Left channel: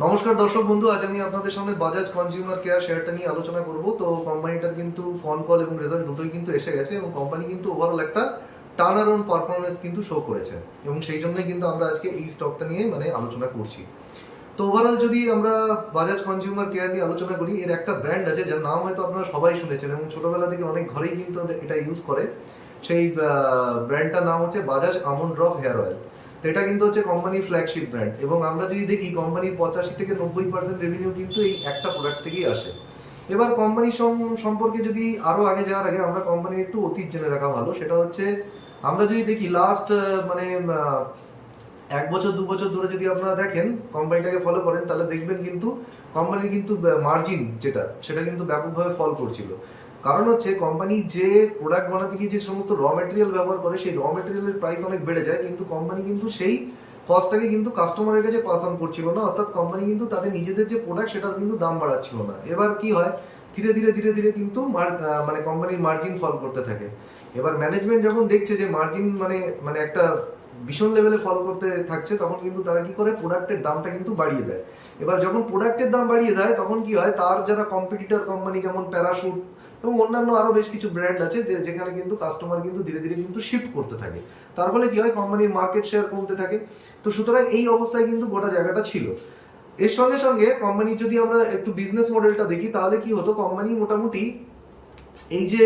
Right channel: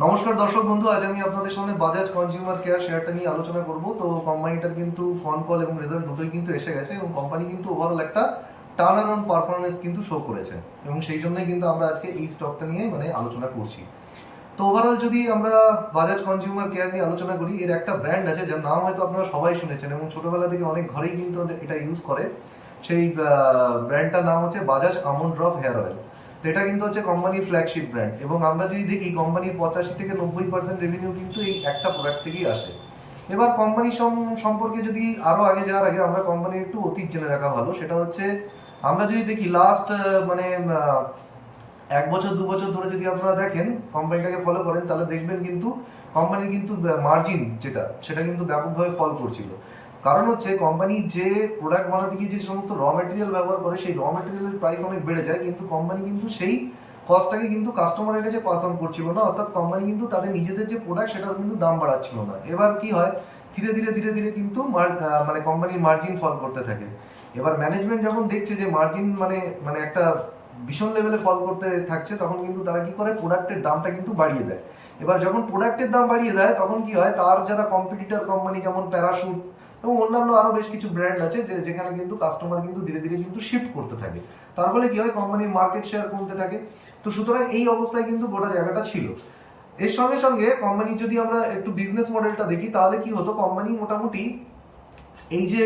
নমস্কার দর্শক বন্ধু, আজ আমি আপনাদের সামনে বাজাজ কনজিউমার কেয়ার শেয়ারটা নিয়ে আলোচনা করব। তো কোম্পানিটার কিন্তু কল এবং রেজাল্ট দুটোই কিন্তু এসে গেছে এবং কোম্পানি কিন্তু ওভারঅল একটা টার্ন অ্যারাউন্ড পারফরমেন্স কিন্তু শো করেছে এবং সেই জন্যই কিন্তু আমরা আজকে এই স্টকটা নিয়ে আলোচনা করছি। তো ওভারঅল যদি আমরা বাজাজ কনজিউমার কেয়ার নিয়ে আলোচনা করি, এর একটা ব্র্যান্ড আছে যার নাম হয়তো আপনারা সবাই শুনেছেন এবং ছোটবেলা থেকে অনেক ঘরেই কিন্তু এটা ইউজ করে। সেই ব্র্যান্ডটার নাম হচ্ছে Bajaj almond drop hair oil. তো এটা কিন্তু হচ্ছে কোম্পানির ফ্ল্যাগশিপ ব্র্যান্ড এবং আমরা যদি দেখি কোম্পানির 85 থেকে 90% রেভিনিউ কিন্তু এই একটা প্রোডাক্ট থেকেই আসে। এবার কোম্পানি সম্পর্কে যদি আরও আগে যাওয়ার আগে আমরা কোম্পানির একটু অতীত জেনে রাখা ভালো। সেটা হচ্ছে আমরা যদি দেখি লাস্ট এক বছর দু বছর ধরে যদি আপনারা দেখেন কোম্পানিটাকে ফলো করেন, তাহলে দেখবেন কিন্তু কোম্পানির কিন্তু মার্জিন সেটা কিন্তু ব্যাপকভাবে ফল করছিল। কারণ হচ্ছে কোম্পানি যে প্রোডাক্ট বানাতে গিয়ে যে সমস্ত র মেটেরিয়াল ব্যবহার করে, সেই র মেটেরিয়ালের প্রাইস অনেক বেড়ে যায়, কিন্তু কোম্পানি কিন্তু সেই কস্টটাকে কিন্তু কাস্টমারের কাছে পাস অন করছিল না। অর্থাৎ কোম্পানি কিন্তু তাদের নিজেদের যে প্রোডাক্ট সেটার কিন্তু দাম বাড়াচ্ছিল না। এবার কি হয়, ধীরে ধীরে ধীরে ধীরে কিন্তু কোম্পানির মার্জিন ফল করতে থাকে। এবার ম্যানেজমেন্ট যখন দেখছে যে মার্জিন মানে একটা ভীষণ লেভেলে ফল করতে থাকছে, তখন কিন্তু তারা কি করে, প্রোডাক্টের দামটা কিন্তু বাড়িয়ে দেয়। এবার যখন প্রোডাক্টের দাম বাড়িয়ে দেয় তখন কি হয়, তার যারা কম্পিটিটর কোম্পানি যেমন প্যারাশুট এবং অন্যান্য আরো বেশ কিছু ব্র্যান্ড আছে যেখানে কিন্তু কাস্টমার কিন্তু ধীরে ধীরে কিন্তু শিফট করতে থাকে। তার ফলে কি হয়, কোম্পানির মার্কেট শেয়ার কমতে থাকে। তো সুতরাং এই অবস্থায় কিন্তু গোটা জায়গাটা ছিল। এর সঙ্গে সঙ্গে কোম্পানির যদি আমরা একটু বিজনেস মডেলটা দেখি, তাহলে কি হতো, কোম্পানি মোটামুটি এই যে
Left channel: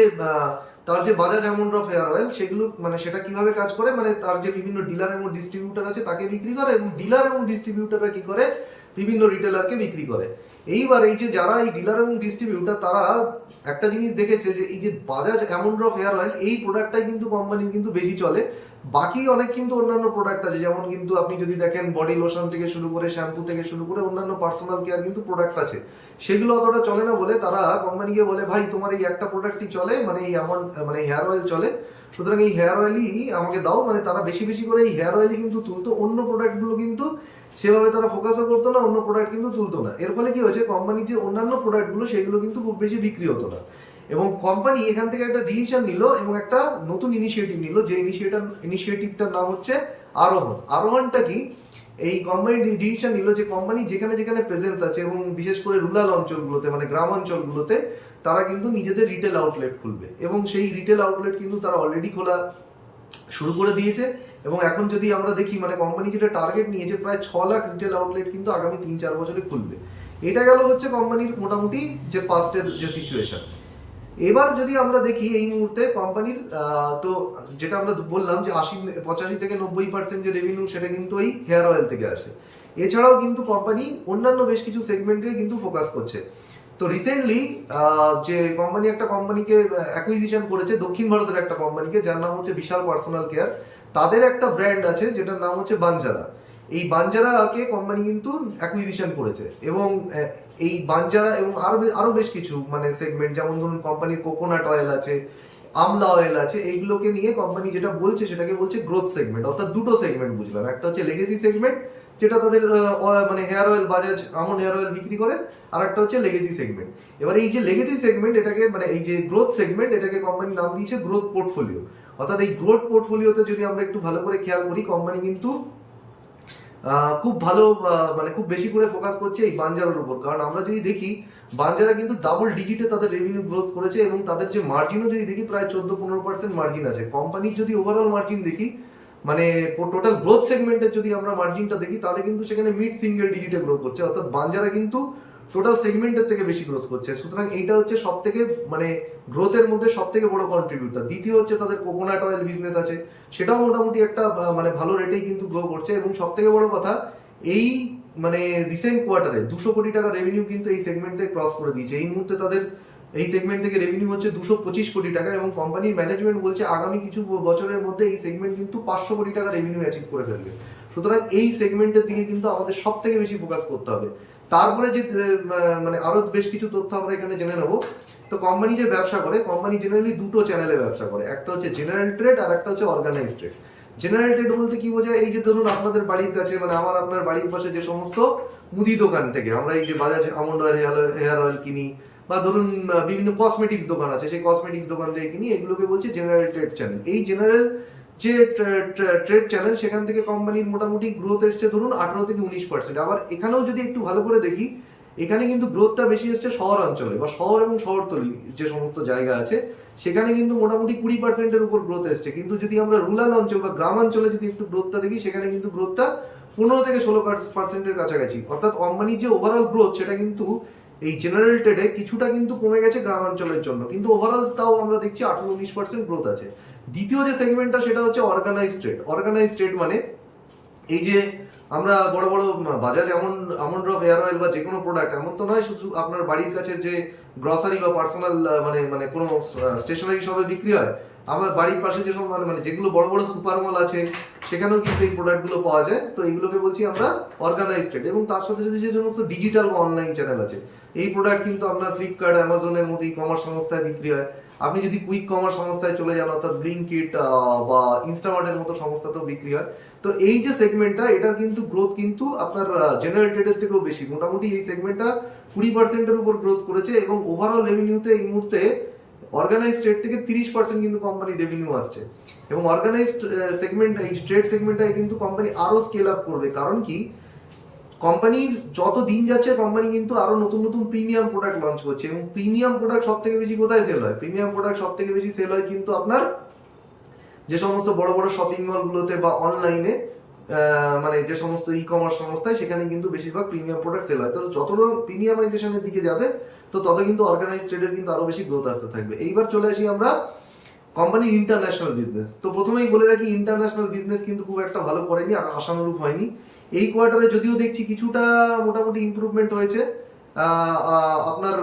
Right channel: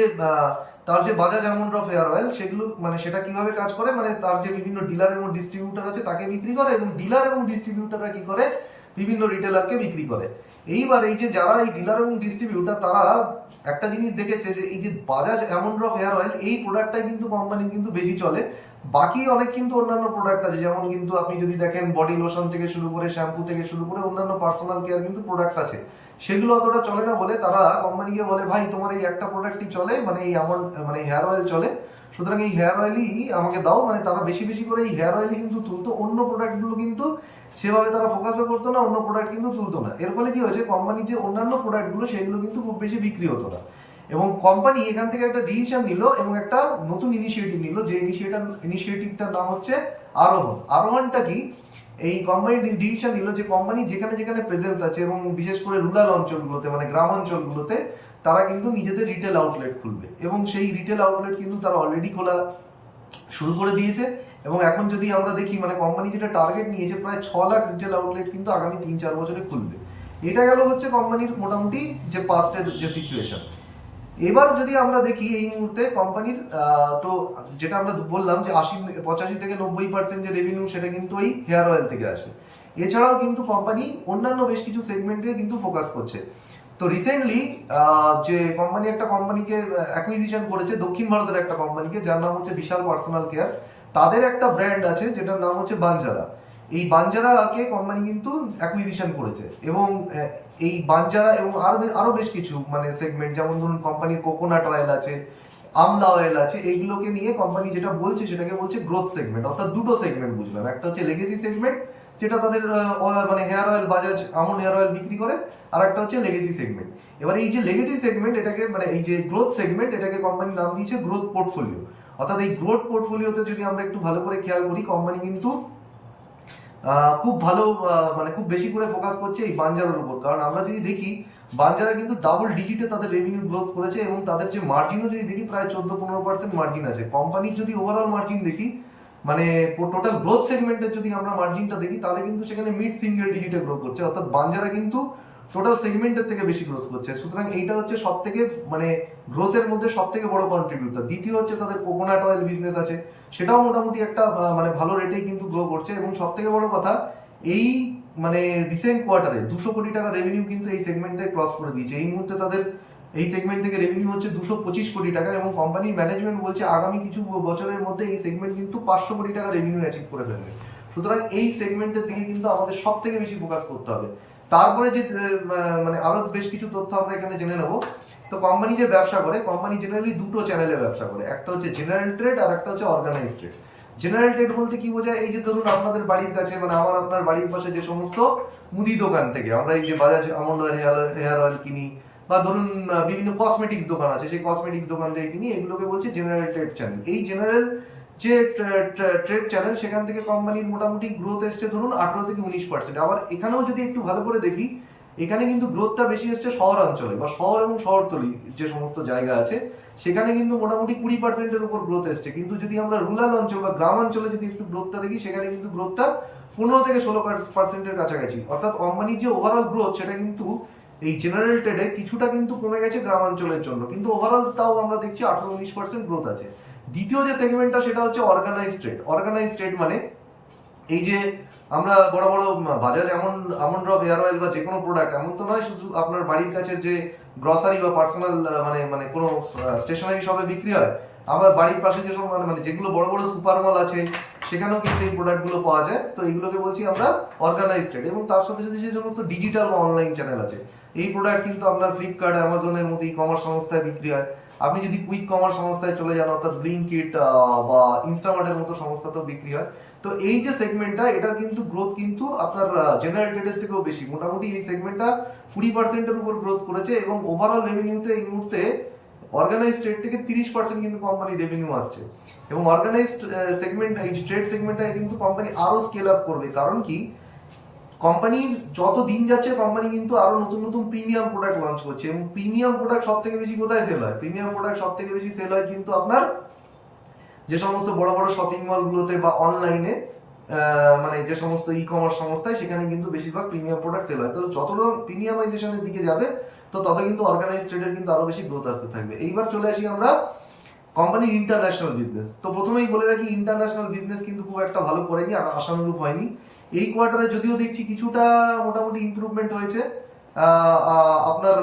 তার যে Bajaj almond drop hair oil, সেগুলো সেটা কিভাবে কাজ করে, তার যে বিভিন্ন ডিলার এবং ডিস্ট্রিবিউটার আছে তাকে বিক্রি করে এবং ডিলার এবং ডিস্ট্রিবিউটাররা কি করে, বিভিন্ন রিটেলারকে বিক্রি করে। এইবার এই যে যারা এই ডিলার এবং ডিস্ট্রিবিউটার, তারা একটা জিনিস দেখেছে যে এই যে Bajaj almond drop hair oil, এই প্রোডাক্টটাই কিন্তু কোম্পানির কিন্তু বেশি চলে। বাকি অনেক কিন্তু অন্যান্য প্রোডাক্ট আছে, যেমন কিন্তু আপনি যদি দেখেন বডি লোশন থেকে শুরু করে শ্যাম্পু থেকে শুরু করে অন্যান্য পার্সোনাল কেয়ার কিন্তু প্রোডাক্ট আছে, সেগুলো অতটা চলে না বলে তারা কোম্পানিকে বলে, ভাই তোমার এই একটা প্রোডাক্টই চলে, এই আমন্ড হেয়ার অয়েল চলে, সুতরাং এই হেয়ার অয়েলই আমাকে দাও। তারা বেশি বেশি করে এই হেয়ার অয়েলই কিন্তু তুলতো, অন্য প্রোডাক্টগুলো কিন্তু সেভাবে তারা ফোকাসও করতো না, অন্য প্রোডাক্ট কিন্তু তুলতো না। এর ফলে কি হয়েছে, কোম্পানির যে অন্যান্য প্রোডাক্টগুলো সেগুলো কিন্তু খুব বেশি বিক্রি হতো না এবং কোম্পানি এখান থেকে একটা ডিসিশন নিল এবং একটা নতুন ইনিশিয়েটিভ নিল, যে ইনিশিয়েটিভটার নাম হচ্ছে আরোহণ। আরোহণটা কি, এই কোম্পানি ডিসিশন নিল যে কোম্পানি যেখানে যেখানে প্রেজেন্স আছে এবং বিশেষ করে রুরাল অঞ্চলগুলোতে, গ্রাম অঞ্চলগুলোতে, তারা কিন্তু নিজেদের রিটেল আউটলেট খুলবে এবং সেই রিটেল আউটলেট কিন্তু তারা অলরেডি খোলা শুরু করে দিয়েছে। এবং এখন যদি আমরা দেখি, কোম্পানি যেটা টার্গেট নিয়েছে, প্রায় 6 লাখ রিটেল আউটলেট কিন্তু আগামী 3-4 বছরে খুলবে। এটা গেল হচ্ছে কোম্পানির মোটামুটি যে পাস্টের যে সিচুয়েশন। এবার যদি আমরা দেখি এই মুহূর্তে কোম্পানির, তো যেটা আমরা বললাম যে 85 থেকে 90% যে রেভিনিউ, সেটা কিন্তু এই হেয়ার অয়েল থেকে আসে। এছাড়াও কিন্তু কোম্পানি অন্যান্য বেশ কিছু সেগমেন্টে কিন্তু ফোকাস করছে। তো রিসেন্টলি যে কোম্পানি একটা কোম্পানিকে অ্যাকুইজিশন করেছে, দক্ষিণ ভারতের একটা কোম্পানিকে, যার নাম হচ্ছে বিশাল পার্সোনাল কেয়ার। তাদের একটা ব্র্যান্ড আছে যেটার নাম হচ্ছে বাঞ্জারা। এই বাঞ্জারাকে কোম্পানি কিন্তু অ্যাকুইজিশন করেছে এবং এই বাঞ্জারা এবং আরো বেশ কিছু সেগমেন্ট, যেমন ধরুন কোম্পানির কোকোনাট অয়েল আছে, আমলা অয়েল আছে, এইগুলোকে নিয়ে কোম্পানি যেটা বলছে সেটাকে বলছে গ্রোথ সেগমেন্ট। অর্থাৎ দুটো সেগমেন্ট বুঝলাম, একটা হচ্ছে লেগেসি সেগমেন্ট, যেটা তাদের hair oil, Bajaj almond hair oil বিক্রি করে, আর একটা হচ্ছে লেগেসি সেগমেন্ট। এবার এই যে লেগেসি সেগমেন্ট, এটাকে এই যে গ্রোথ সেগমেন্ট, এটাকে কোম্পানি নাম দিয়েছে গ্রোথ পোর্টফোলিও। অর্থাৎ এই গ্রোথ পোর্টফোলিওতে যদি আমরা একটু ভালো করে খেয়াল করি, কোম্পানি কিন্তু খুব ভালো খুব বেশি করে ফোকাস করছে এই বাঞ্জারার উপর। কারণ আমরা যদি দেখি, বাঞ্জারা কিন্তু ডাবল ডিজিটে তাদের রেভিনিউ গ্রোথ করেছে এবং তাদের যে মার্জিনও যদি দেখি, প্রায় 14-15% মার্জিন আছে। কোম্পানির যদি ওভারঅল মার্জিন দেখি, টোটাল গ্রোথ সেগমেন্টের যদি আমরা মার্জিনটা দেখি, তাহলে কিন্তু সেখানে মিড সিঙ্গেল ডিজিটে গ্রো করছে। অর্থাৎ বাঞ্জারা কিন্তু টোটাল সেগমেন্টের থেকে বেশি গ্রোথ করছে। সুতরাং এইটা হচ্ছে সব থেকে গ্রোথের মধ্যে সব থেকে বড় কন্ট্রিবিউটার। দ্বিতীয় হচ্ছে তাদের কোকোনাট অয়েল বিজনেস আছে, সেটাও মোটামুটি একটা ভালো রেটেই কিন্তু গ্রো করছে। এবং সব থেকে বড় কথা, এই রিসেন্ট কোয়ার্টারে 200 কোটি টাকা রেভিনিউ কিন্তু এই সেগমেন্ট থেকে ক্রস করে দিয়েছে। এই মুহূর্তে তাদের এই সেগমেন্ট থেকে রেভিনিউ হচ্ছে 225 কোটি টাকা এবং কোম্পানির ম্যানেজমেন্ট বলছে আগামী কিছু বছরের মধ্যে এই সেগমেন্ট কিন্তু 500 কোটি টাকা রেভিনিউ অ্যাচিভ করে ফেলবে। সুতরাং এই সেগমেন্টের দিকে কিন্তু আমাদের সব থেকে বেশি ফোকাস করতে হবে। তারপরে যে আরো বেশ কিছু তথ্য আমরা এখানে জেনে নেব। তো কোম্পানি যে ব্যবসা করে, কোম্পানি জেনারেলি দুটো চ্যানেলে ব্যবসা করে, একটা হচ্ছে জেনারেল ট্রেড আর একটা হচ্ছে অর্গানাইজ ট্রেড। জেনারেল ট্রেড বলতে কি বোঝায়, এই যে ধরুন আপনাদের বাড়ির কাছে, আপনার বাড়ির পাশে যে সমস্ত মুদি দোকান থেকে আমরা এই যে Bajaj almond oil hair oil কিনি, বা ধরুন বিভিন্ন কসমেটিক্স দোকান আছে, সেই কসমেটিক্স দোকান থেকে কিনি, এগুলোকে বলছে জেনারেল ট্রেড চ্যানেল। এই জেনারেল যে ট্রেড চ্যানেল, সেখান থেকে কোম্পানির মোটামুটি গ্রোথ এসছে ধরুন 18-19%। আবার এখানেও যদি একটু ভালো করে দেখি, এখানে কিন্তু গ্রোথটা বেশি এসছে শহরাঞ্চলে বা শহর এবং শহরতলি যে সমস্ত জায়গা আছে, সেখানে কিন্তু মোটামুটি 20%-এর উপর গ্রোথ এসছে। কিন্তু যদি আমরা রুরাল অঞ্চল বা গ্রামাঞ্চলে যদি একটু গ্রোথটা দেখি, সেখানে কিন্তু গ্রোথটা 15-16%-এর কাছাকাছি। অর্থাৎ কোম্পানির যে ওভারঅল গ্রোথ, সেটা কিন্তু এই জেনারেল ট্রেডে কিছুটা কিন্তু কমে গেছে গ্রামাঞ্চলের জন্য, কিন্তু ওভারঅল তাও আমরা দেখছি 18-19% গ্রোথ আছে। দ্বিতীয় যে সেগমেন্টটা, সেটা হচ্ছে অর্গানাইজ ট্রেড। অর্গানাইজ ট্রেড মানে এই যে আমরা বড় বড় Bajaj almond drop hair oil বা যে কোনো প্রোডাক্ট, এমন তো নয় শুধু আপনার বাড়ির কাছে যে গ্রসারি বা পার্সোনাল মানে মানে কোনো স্টেশনারি শপে বিক্রি হয়, আমার বাড়ির পাশে যেসব মানে যেগুলো বড় বড় সুপার মল আছে, সেখানেও কিন্তু এই প্রোডাক্টগুলো পাওয়া যায়। তো এইগুলোকে বলছি আমরা অর্গানাইজ ট্রেড। এবং তার সাথে সাথে যে সমস্ত ডিজিটাল বা অনলাইন চ্যানেল আছে, এই প্রোডাক্ট কিন্তু আপনার ফ্লিপকার্ট, অ্যামাজনের মতো ই কমার্স সংস্থায় বিক্রি হয়। আপনি যদি কুইক কমার্স সংস্থায় চলে যান, অর্থাৎ ব্লিঙ্কিট বা ইনস্টামার্টের মতো সংস্থাতেও বিক্রি হয়। তো এই যে সেগমেন্টটা, এটার কিন্তু গ্রোথ কিন্তু আপনার জেনারেল ট্রেডের থেকেও বেশি। মোটামুটি এই সেগমেন্টটা 20%-এর উপর গ্রোথ করেছে, এবং ওভারঅল রেভিনিউতে এই মুহূর্তে অর্গানাইজ ট্রেড থেকে 30% কিন্তু কোম্পানির রেভিনিউ আসছে। এবং অর্গানাইজড সেগমেন্ট, এই ট্রেড সেগমেন্টটাকে কিন্তু কোম্পানি আরো স্কেল আপ করবে। কারণ কি, কোম্পানির যত দিন যাচ্ছে, কোম্পানি কিন্তু আরো নতুন নতুন প্রিমিয়াম প্রোডাক্ট লঞ্চ করছে। এবং প্রিমিয়াম প্রোডাক্ট সব থেকে বেশি কোথায় সেল হয়? প্রিমিয়াম প্রোডাক্ট সব থেকে বেশি সেল হয় কিন্তু আপনার যে সমস্ত বড় বড় শপিং মলগুলোতে বা অনলাইনে, মানে যে সমস্ত ই কমার্স সংস্থায়, সেখানে কিন্তু বেশিরভাগ প্রিমিয়াম প্রোডাক্ট সেল হয়। তো যত প্রিমিয়ামাইজেশনের দিকে যাবে, তো তত কিন্তু অর্গানাইজ ট্রেডের কিন্তু আরো বেশি গ্রোথ আসতে থাকবে। এইবার চলে আসি আমরা কোম্পানির ইন্টারন্যাশনাল বিজনেস। তো প্রথমেই বলে রাখি, ইন্টারন্যাশনাল বিজনেস কিন্তু খুব একটা ভালো করেনি, আশানুরূপ হয়নি। এই কোয়ার্টারে যদিও দেখছি কিছুটা মোটামুটি ইমপ্রুভমেন্ট হয়েছে। আপনার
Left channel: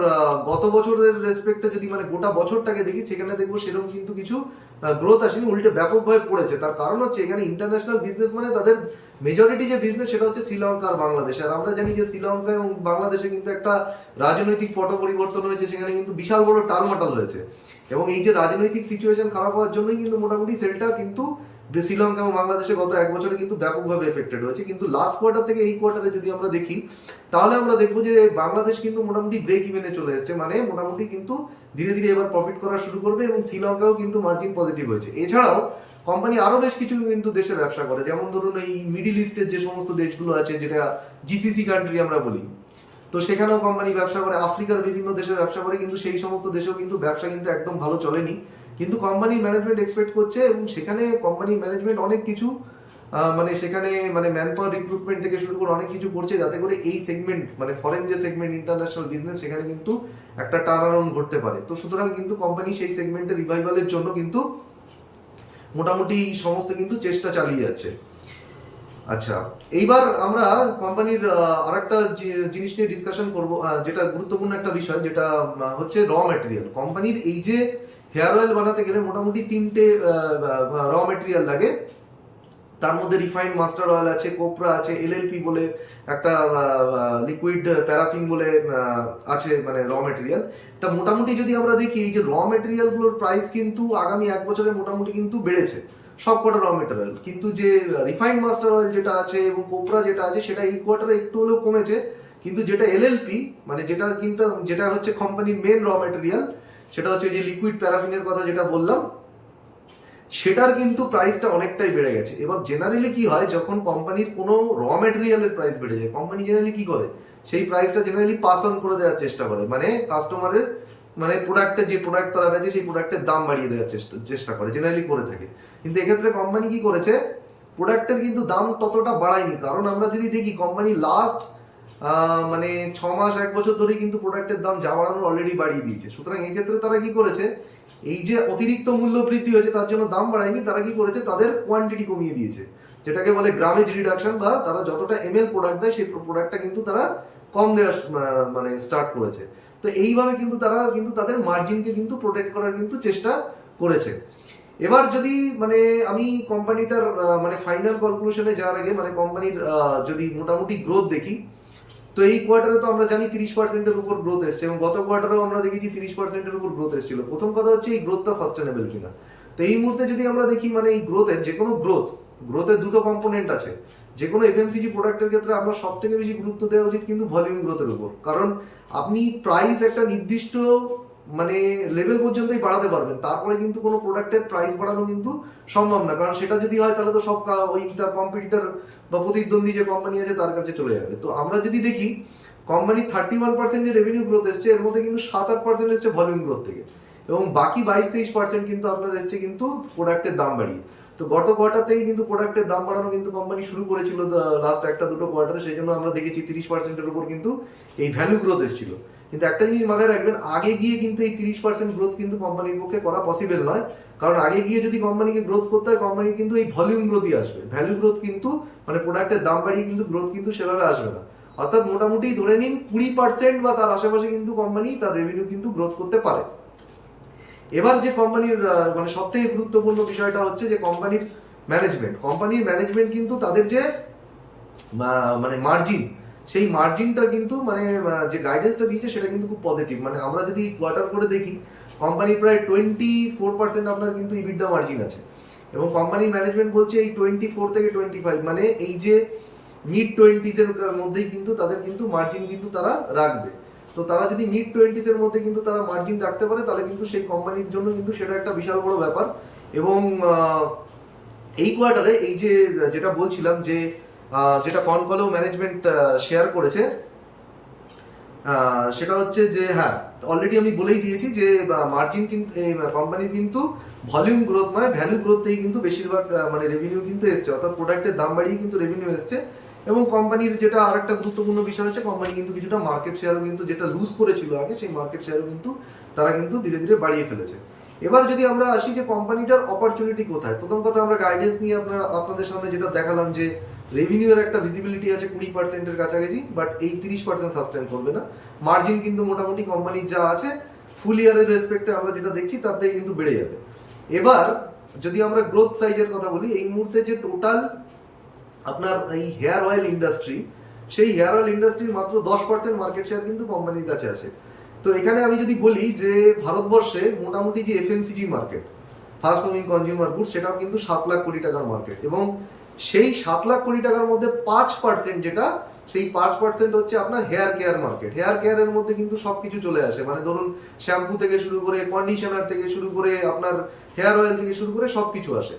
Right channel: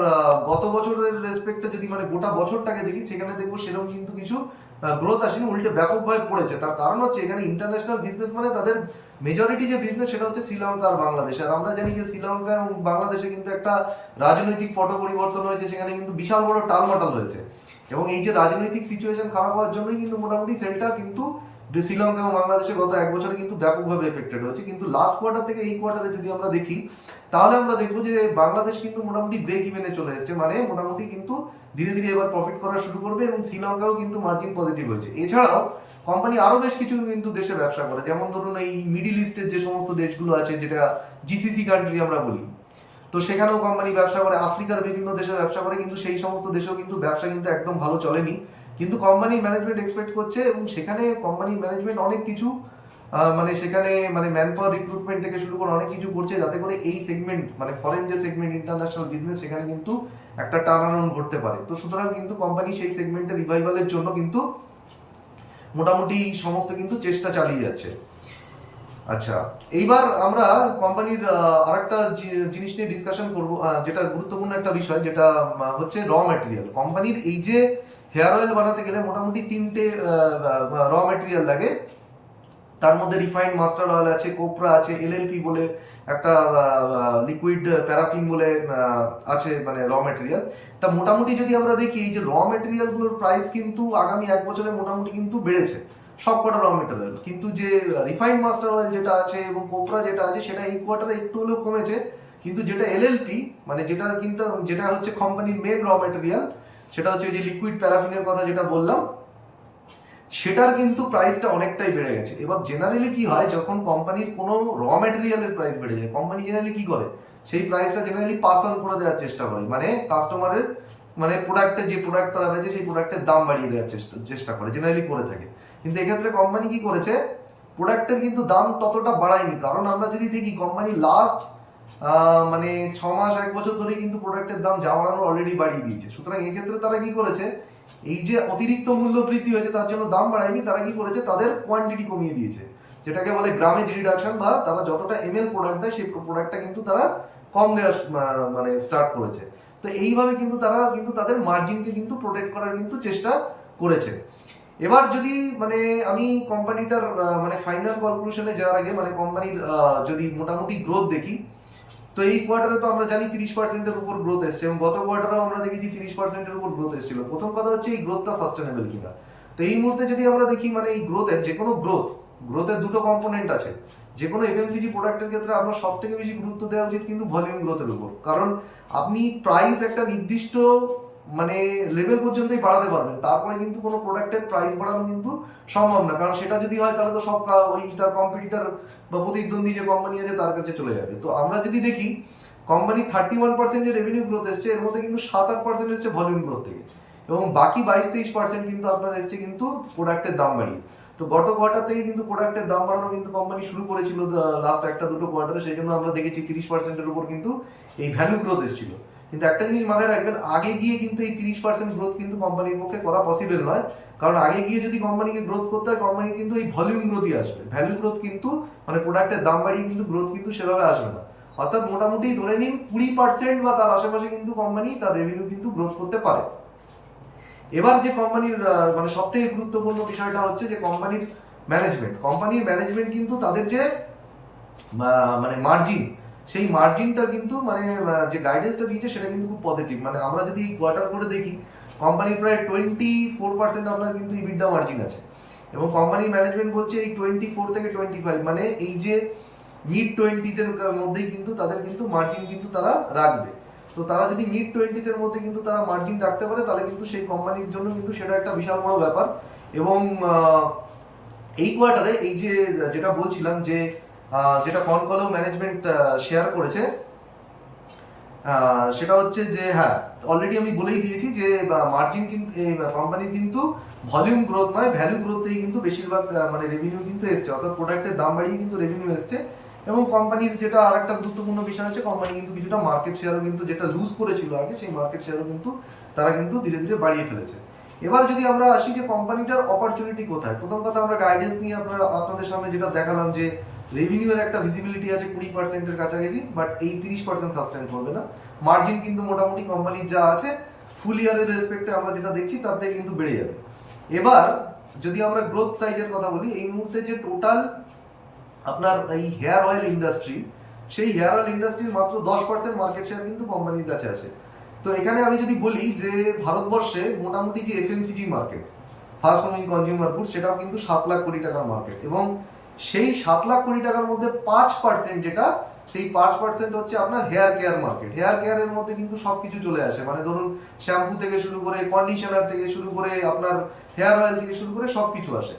গত বছরের রেসপেক্টে যদি মানে গোটা বছরটাকে দেখি, সেখানে দেখবো সেরকম কিন্তু কিছু গ্রোথ আসেনি, উল্টে ব্যাপকভাবে পড়েছে। তার কারণ হচ্ছে, এখানে ইন্টারন্যাশনাল বিজনেস মানে তাদের মেজরিটি যে বিজনেস, সেটা হচ্ছে শ্রীলঙ্কা আর বাংলাদেশ। আর আমরা জানি যে শ্রীলঙ্কা এবং বাংলাদেশে কিন্তু একটা রাজনৈতিক পট পরিবর্তন হয়েছে, সেখানে কিন্তু বিশাল বড় টালমাটাল হয়েছে। এবং এই যে রাজনৈতিক সিচুয়েশন খারাপ হওয়ার জন্যই কিন্তু মোটামুটি সেলটা কিন্তু শ্রীলঙ্কা এবং বাংলাদেশে গত এক বছরে কিন্তু ব্যাপকভাবে এফেক্টেড হয়েছে। কিন্তু লাস্ট কোয়ার্টার থেকে এই কোয়ার্টারে যদি আমরা দেখি, তাহলে আমরা দেখবো যে বাংলাদেশ কিন্তু মোটামুটি ব্রেক ইভেনে চলে এসছে, মানে মোটামুটি কিন্তু ধীরে ধীরে এবার প্রফিট করা শুরু করবে। এবং শ্রীলঙ্কাও কিন্তু মার্জিন পজিটিভ হয়েছে। এছাড়াও কোম্পানি আরো বেশ কিছু কিন্তু দেশে ব্যবসা করে, যেমন ধরুন এই মিডিল ইস্টের যে সমস্ত দেশগুলো আছে, যেটা জিসিসি কান্ট্রি আমরা বলি, তো সেখানেও কোম্পানি ব্যবসা করে। আফ্রিকার বিভিন্ন দেশে ব্যবসা করে, কিন্তু সেই সমস্ত দেশেও কিন্তু ব্যবসা কিন্তু একদম ভালো চলেনি। কিন্তু কোম্পানির ম্যানেজমেন্ট এক্সপেক্ট করছে, এবং সেখানে কোম্পানির ম্যানেজমেন্ট অনেক কিছু মানে সেখানে মানে ম্যান পাওয়ার রিক্রুটমেন্ট থেকে শুরু করে অনেক কিছু করছে, যাতে করে এই সেগমেন্ট মানে ফরেন যে সেগমেন্ট ইন্টারন্যাশনাল বিজনেস, সেখানে কিন্তু একটা টার্ন অ্যারাউন্ড ঘটতে পারে। তো সুতরাং কিন্তু কোম্পানি সেই সেগমেন্টের রিভাইভালের জন্য কিন্তু মোটামুটি সমস্ত কিন্তু চেষ্টা চালিয়ে যাচ্ছে। আচ্ছা, এইবার আমরা কোম্পানির আরেকটা জিনিস নিয়ে ডিসকাশন করব, যেটা গুরুত্বপূর্ণ একটা বিষয়, যেটা হচ্ছে র ম্যাটেরিয়াল। কোম্পানির এই যে হেয়ার অয়েল বানাতে গেলে মোটামুটি 3টে র ম্যাটেরিয়াল লাগে। তার মধ্যে রিফাইন্ড মাস্টার অয়েল আছে, কোপরা আছে, এলএলপি বলে একটা লিকুইড প্যারাফিন বলে আছে, মানে র ম্যাটেরিয়াল। তা মোটামুটি যদি আমরা দেখি, এই যে র ম্যাটেরিয়ালগুলোর প্রাইস কিন্তু আগামী এক বছরে মোটামুটি কিন্তু বেড়েছে সব কটা র মেটেরিয়াল। কিন্তু যে রিফাইন্ড মাস্টার অয়েল যেটা আছে এবং কোপরা যেটা আছে, সেটা এই কোয়ার্টারে একটু হলেও কমেছে। কিন্তু যেটা এলএলপি মানে যেটা হচ্ছে কোম্পানির মেন র মেটেরিয়াল, সেটা হচ্ছে যে লিকুইড প্যারাফিনের কথা যেটা বললাম, সেটার কিন্তু প্রাইসটা অনেকটাই বেড়ে গেছে। এবার জেনারেলি কি হয়, যখন কোম্পানির কোনো র মেটেরিয়ালের প্রাইস বেড়ে যায়, কোম্পানি জেনারেলি কি করে, সেই প্রাইসটা জেনারেলি পাস অন করে দেওয়ার চেষ্টা করে। মানে কাস্টমারের মানে প্রোডাক্টের যে প্রোডাক্ট তারা বেচে, সেই প্রোডাক্টের দাম বাড়িয়ে দেওয়ার চেষ্টা করে, জেনারেলি করে থাকে। কিন্তু এক্ষেত্রে কোম্পানি কি করেছে, প্রোডাক্টের কিন্তু দাম ততটা বাড়ায়নি। কারণ আমরা যদি দেখি, কোম্পানি লাস্ট মানে 6 মাস 1 বছর ধরে কিন্তু প্রোডাক্টের দাম যা বাড়ানোর অলরেডি বাড়িয়ে দিয়েছে। সুতরাং এক্ষেত্রে তারা কি করেছে, এই যে অতিরিক্ত মূল্য বৃদ্ধি হয়েছে তার জন্য দাম বাড়ায়নি, তারা কি করেছে, তাদের কোয়ান্টিটি কমিয়ে দিয়েছে, যেটাকে বলে গ্রামেজ রিডাকশন, বা তারা যতটা এমএল প্রোডাক্ট দেয়, সেই প্রোডাক্টটা কিন্তু তারা কম দেওয়া মানে স্টার্ট করেছে। তো এইভাবে কিন্তু তারা কিন্তু তাদের মার্জিনকে কিন্তু প্রোটেক্ট করার কিন্তু চেষ্টা করেছে। এবার যদি মানে আমি কোম্পানিটার মানে ফাইনাল কনক্লুশনে যাওয়ার আগে, মানে কোম্পানির যদি মোটামুটি গ্রোথ দেখি, তো এই কোয়ার্টারে তো আমরা জানি 30%-এর উপর গ্রোথ এসছে, এবং গত কোয়ার্টারেও আমরা দেখেছি 30%-এর উপর গ্রোথ এসেছিল। প্রথম কথা হচ্ছে এই গ্রোথটা সাস্টেনেবল কিনা। তো এই মুহূর্তে যদি আমরা দেখি, মানে এই গ্রোথের যে কোনো গ্রোথের দুটো কম্পোনেন্ট আছে। যে কোনো এফএমসিজি প্রোডাক্টের ক্ষেত্রে আপনার সব থেকে বেশি গুরুত্ব দেওয়া উচিত কিন্তু ভলিউম গ্রোথের উপর। কারণ আপনি প্রাইস একটা নির্দিষ্ট মানে লেভেল পর্যন্তই বাড়াতে পারবেন, তারপরে কিন্তু কোনো প্রোডাক্টের প্রাইস বাড়ানো কিন্তু সম্ভব না, কারণ সেটা যদি হয় তাহলে তো সব ওই তার কম্পিটিটর বা প্রতিদ্বন্দ্বী যে কোম্পানি আছে তার কাছে চলে যাবে। তো আমরা যদি দেখি কোম্পানি 31% যে রেভিনিউ গ্রোথ এসছে, এর মধ্যে কিন্তু 7-8% এসছে ভলিউম গ্রোথ থেকে, এবং বাকি 22-23% কিন্তু আপনার এসছে কিন্তু প্রোডাক্টের দাম বাড়িয়ে। তো গত কোয়ার্টার থেকে কিন্তু প্রোডাক্টের দাম বাড়ানো কিন্তু কোম্পানি শুরু করেছিল লাস্ট 1-2 কোয়ার্টারে, সেই জন্য আমরা দেখেছি 30%-এর উপর কিন্তু এই ভ্যালু গ্রোথ এসেছিল। কিন্তু একটা জিনিস মাথায় রাখবেন, আগে গিয়ে কিন্তু এই 30% গ্রোথ কিন্তু কোম্পানির পক্ষে করা পসিবল নয়, কারণ আগে গিয়ে যদি কোম্পানিকে গ্রোথ করতে হয়, কোম্পানি কিন্তু এই ভলিউম গ্রোথই আসবে, ভ্যালু গ্রোথ কিন্তু মানে প্রোডাক্টের দাম বাড়িয়ে কিন্তু গ্রোথ কিন্তু সেভাবে আসবে না। অর্থাৎ মোটামুটি ধরে নিন 20% বা তার আশেপাশে কিন্তু কোম্পানি তার রেভিনিউ কিন্তু গ্রোথ করতে পারে। এবার যে কোম্পানির মানে সব থেকে গুরুত্বপূর্ণ বিষয়টা হচ্ছে যে কোম্পানির ম্যানেজমেন্ট কিন্তু তাদের যে মানে মার্জিন, সেই মার্জিনটা কিন্তু মানে যে গাইডেন্সটা দিয়েছে সেটা কিন্তু খুব পজিটিভ। মানে আমরা যদি কোয়ার্টার করে দেখি, কোম্পানির প্রায় 24% আপনার কিন্তু ইবিডা মার্জিন আছে, এবং কোম্পানির ম্যানেজমেন্ট বলছে এই 24 থেকে 25 মানে এই যে মিড 20s-এর মধ্যেই কিন্তু তাদের কিন্তু মার্জিন কিন্তু তারা রাখবে। তো তারা যদি মিড 20s-এর মধ্যে কিন্তু তারা মার্জিন রাখতে পারে, তাহলে কিন্তু সেই কোম্পানির জন্য কিন্তু সেটা একটা বিশাল বড় ব্যাপার। এবং এই কোয়ার্টারে এই যে যেটা বলছিলাম যে যেটা কনকলেও ম্যানেজমেন্ট শেয়ার করেছে, সেটা হচ্ছে যে হ্যাঁ, অলরেডি আমি বলেই দিয়েছি যে মার্জিন কিন্তু এই কোম্পানির কিন্তু ভলিউম গ্রোথ নয়, ভ্যালু গ্রোথেই কিন্তু বেশিরভাগ মানে রেভিনিউ কিন্তু এসছে, অর্থাৎ প্রোডাক্টের দাম বাড়িয়ে কিন্তু রেভিনিউ এসছে। এবং কোম্পানির যেটা আর একটা গুরুত্বপূর্ণ বিষয় হচ্ছে, কোম্পানি কিন্তু কিছুটা মার্কেট শেয়ারও কিন্তু যেটা লুজ করেছিল আগে, সেই মার্কেট শেয়ারও কিন্তু তারা কিন্তু ধীরে ধীরে বাড়িয়ে ফেলেছে। এবার যদি আমরা আসি যে কোম্পানিটার অপরচুনিটি কোথায়, প্রথম কথা আমরা গাইডেন্স নিয়ে আপনাদের সামনে যেটা দেখালাম যে রেভিনিউ এর একটা ভিজিবিলিটি আছে 20%-এর কাছাকাছি, বাট এই 30% সাস্টেন করবে না। মার্জিন কিন্তু মোটামুটি কোম্পানির যা আছে ফুল ইয়ারের রেসপেক্টে আমরা যেটা দেখছি তার থেকে কিন্তু বেড়ে যাবে। এবার যদি আমরা গ্রোথ সাইজের কথা বলি, এই মুহূর্তে যে টোটাল আপনার এই হেয়ার অয়েল ইন্ডাস্ট্রি, সেই হেয়ার অয়েল ইন্ডাস্ট্রির মাত্র 10% মার্কেট শেয়ার কিন্তু কোম্পানির কাছে আছে। তো এখানে আমি যদি বলি যে ভারতবর্ষে মোটামুটি যে FMCG market, fast moving consumer good, সেটাও কিন্তু 7 লাখ কোটি টাকার মার্কেট, এবং সেই 7 লাখ কোটি টাকার মধ্যে 5% যেটা, সেই 5% হচ্ছে আপনার হেয়ার কেয়ার মার্কেট। হেয়ার কেয়ারের মধ্যে কিন্তু সব কিছু চলে আসে, মানে ধরুন শ্যাম্পু থেকে শুরু করে কন্ডিশনার থেকে শুরু করে আপনার হেয়ার অয়েল থেকে শুরু করে সব কিছু আসে।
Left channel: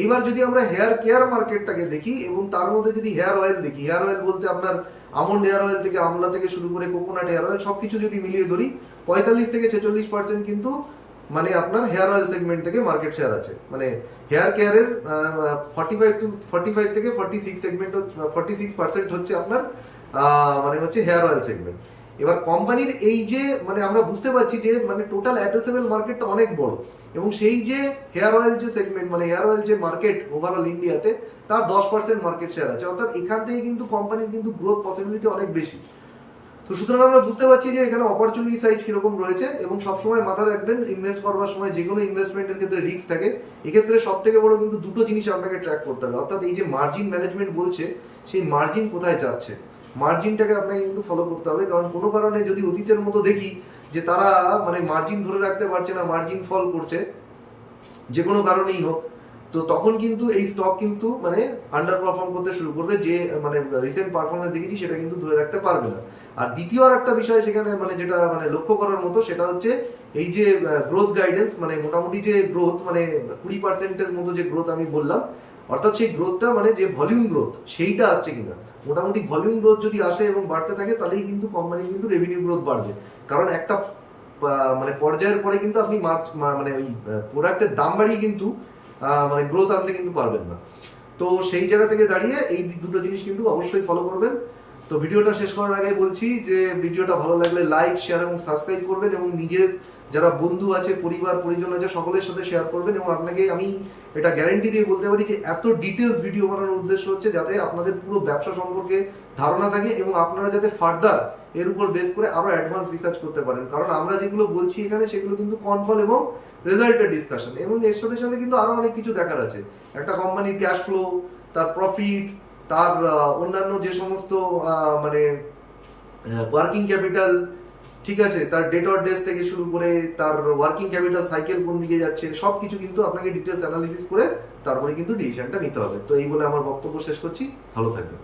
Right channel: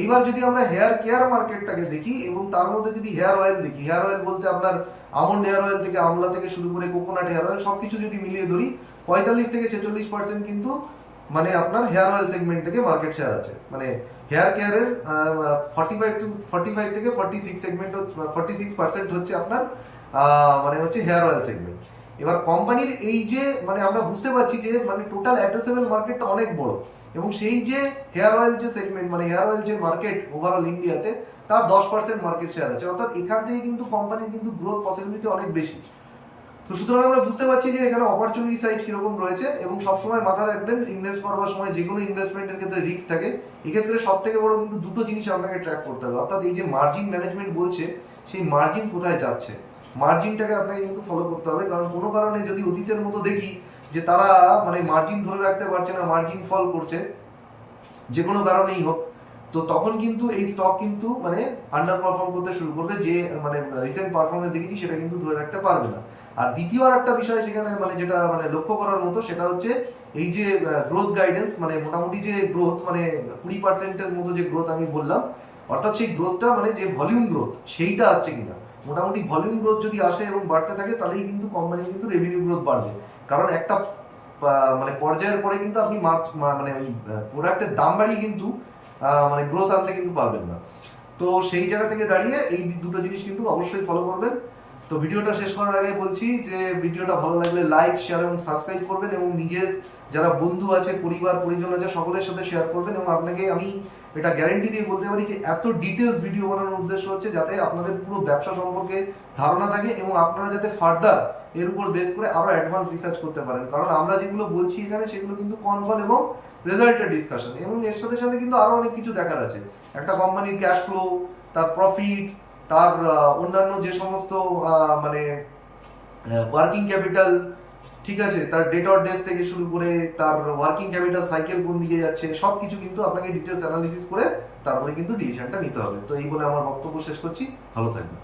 এইবার যদি আমরা হেয়ার কেয়ার মার্কেটটাকে দেখি এবং তার মধ্যে যদি হেয়ার অয়েল দেখি, হেয়ার অয়েল বলতে আপনার আমন্ড হেয়ার অয়েল থেকে আমলা থেকে শুরু করে কোকোনাট হেয়ার অয়েল সব কিছু যদি মিলিয়ে ধরি, 45 থেকে 46% কিন্তু মানে আপনার হেয়ার অয়েল সেগমেন্ট থেকে মার্কেট শেয়ার আছে। মানে হেয়ার কেয়ারের 45 থেকে 46 সেগমেন্ট, 46% হচ্ছে আপনার মানে হচ্ছে হেয়ার অয়েল সেগমেন্ট। এবার কোম্পানির এই যে মানে আমরা বুঝতে পারছি যে মানে টোটাল অ্যাড্রেসেবল মার্কেটটা অনেক বড়, এবং সেই যে হেয়ার অয়েল যে সেগমেন্ট মানে হেয়ার অয়েল যে মার্কেট ওভারঅল ইন্ডিয়াতে, তার 10% মার্কেট শেয়ার আছে, অর্থাৎ এখান থেকে কিন্তু কোম্পানির কিন্তু গ্রোথ পসিবিলিটি অনেক বেশি। তো সুতরাং আমরা বুঝতে পারছি যে এখানে অপরচুনিটি সাইজ কিরকম রয়েছে। এবং সবসময় মাথায় রাখবেন, ইনভেস্ট করবার সময় যে কোনো ইনভেস্টমেন্টের ক্ষেত্রে রিস্ক থাকে, এক্ষেত্রে সব থেকে বড় কিন্তু দুটো জিনিস আপনাকে ট্র্যাক করতে হবে, অর্থাৎ এই যে মার্জিন ম্যানেজমেন্ট বলছে, সেই মার্জিন কোথায় যাচ্ছে, মার্জিনটাকে আপনাকে কিন্তু ফলো করতে হবে। কারণ কোনো কারণে যদি অতীতের মতো দেখি যে তারা মানে মার্জিন ধরে রাখতে পারছে না, মার্জিন ফল করছে যে কোনো কারণেই হোক, তো তখন কিন্তু এই স্টক কিন্তু মানে আন্ডার পারফর্ম করতে শুরু করবে, যে মানে রিসেন্ট পারফরমেন্স দেখেছি সেটা কিন্তু ধরে রাখতে পারবে না। আর দ্বিতীয় আর একটা বিষয় সেখানে মানে যেটা মানে লক্ষ্য করার মতো, সেটা হচ্ছে এই যে গ্রোথ গাইডেন্স, মানে মোটামুটি যে গ্রোথ মানে 20%-এর মতো যে গ্রোথ আমি বললাম, অর্থাৎ সেই গ্রোথটা মানে যে ভলিউম গ্রোথ সেইটা আসছে কিনা। মোটামুটি ভলিউম গ্রোথ যদি আসে এবং বাড়তে থাকে, তাহলেই কিন্তু কোম্পানি কিন্তু রেভিনিউ গ্রোথ বাড়বে। কারণ একটা মানে পর্যায়ের পরে কিন্তু আপনি মানে ওই প্রোডাক্টের দাম বাড়িয়ে কিন্তু মানে গ্রোথ আনতে কিন্তু পারবেন না। তো সেই জায়গা থেকে দাঁড়িয়ে এই দুটো জিনিস কিন্তু অবশ্যই ফলো করবেন। তো ভিডিওটা শেষ করার আগে বলছি যে ভিডিওটা ভালো লাগলে লাইক, শেয়ার এবং সাবস্ক্রাইব করবেন, এবং নিজের যারা বন্ধু আছে, পরিবার পরিজন আছে, সকলের সাথে শেয়ার করবেন। এবং আপনাকে আমি এটা গ্যারেন্টি দিয়ে বলতে পারি যে এত ডিটেলস ভিডিও বানানোর উদ্দেশ্য হচ্ছে যাতে আপনাদের পুরো ব্যবসা সম্পর্কে ধারণা থাকে, এবং আপনারা যাতে ফার্দার এর উপর বেস করে আরো অ্যাডভান্স রিসার্চ করতে পারেন। কারণ আমরা যেগুলো বলছি এখানে, সেগুলো কিন্তু কনকল এবং রেজাল্টের ডিসকাশন, এবং এর সাথে সাথে কিন্তু আরো অনেক কিছু দেখার আছে। একটা কোম্পানির ক্যাশ ফ্লো, তার প্রফিট, তার অন্যান্য যে সমস্ত মানে ওয়ার্কিং ক্যাপিটাল, ঠিক আছে, তার ডেটর ডেজ থেকে শুরু করে তার ওয়ার্কিং ক্যাপিটাল সাইকেল কোন দিকে যাচ্ছে, সব কিছু কিন্তু আপনাকে ডিটেলস অ্যানালিসিস করে তারপরে কিন্তু ডিসিশনটা নিতে হবে। তো এই বলে আমার বক্তব্য শেষ করছি, ভালো থাকবেন।